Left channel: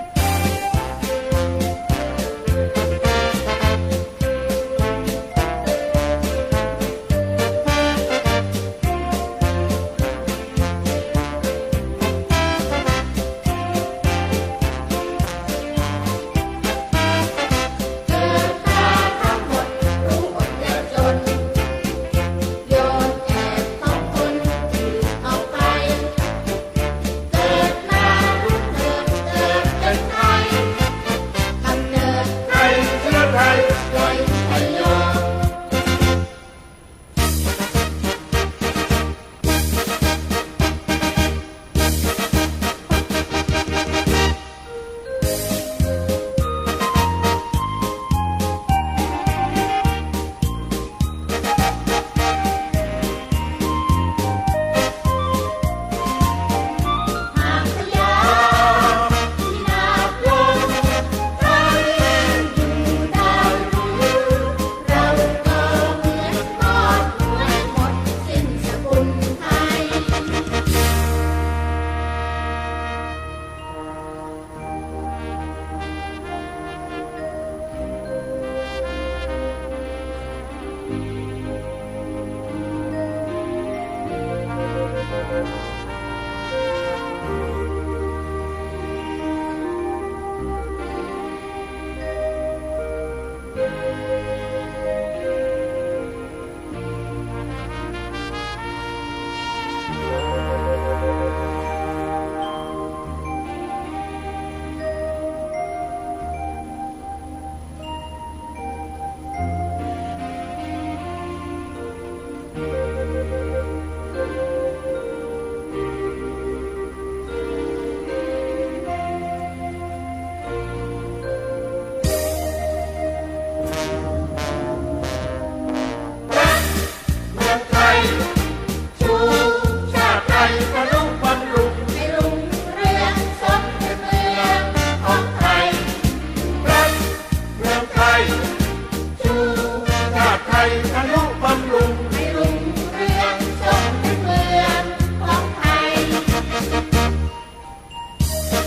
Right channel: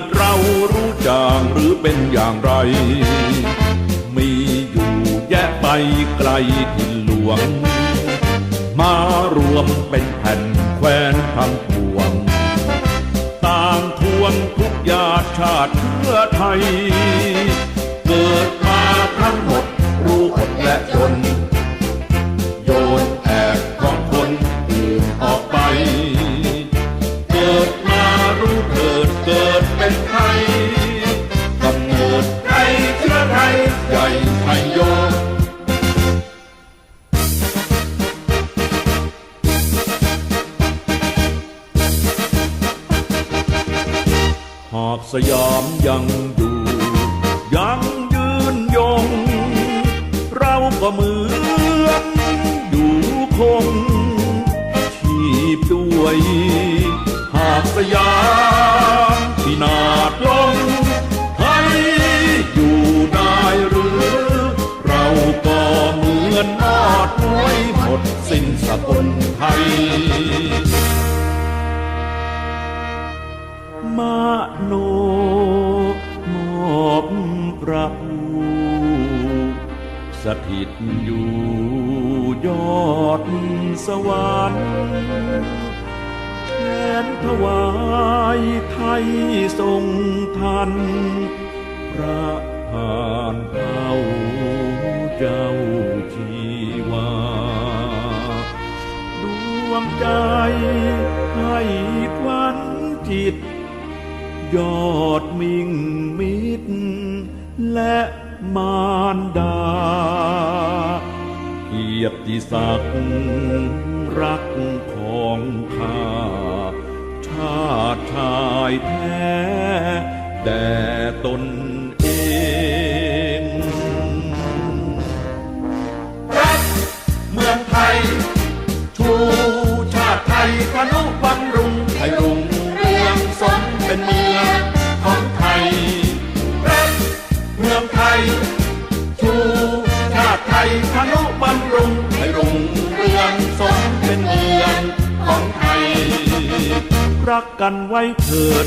ดเรารู้จางหรือเป็นอย่างไร มีอยู่แยกไปไกลกินหลวง มารวมเป็น สยามยังอยู่ สถิตอยู่ยอดสวรรค์แทนถวายไทยทรงทัน พระผ่านเจ้าเจ้าชีวาดวงใจให้ควันจิต ยอดมิ่งมิตรและมารดา ยรติศักดิ์รัก พนุบำรุงให้รุ่งเรืองสมเป็นเมืองของไทย รักกันไว้เถิด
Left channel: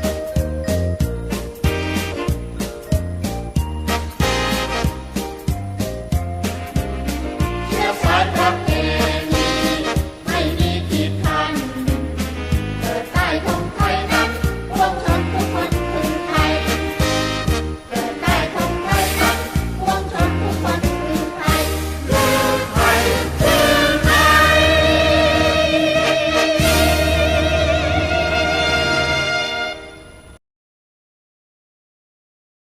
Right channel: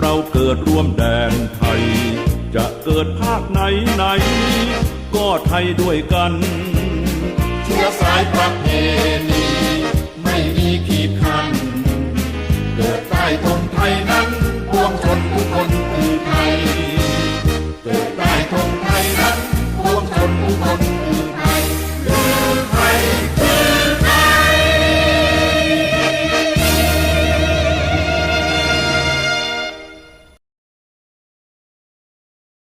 เราเกิดร่วมแดนไทย จะเกิดภาคไหนไหน ก็ไทยด้วยกัน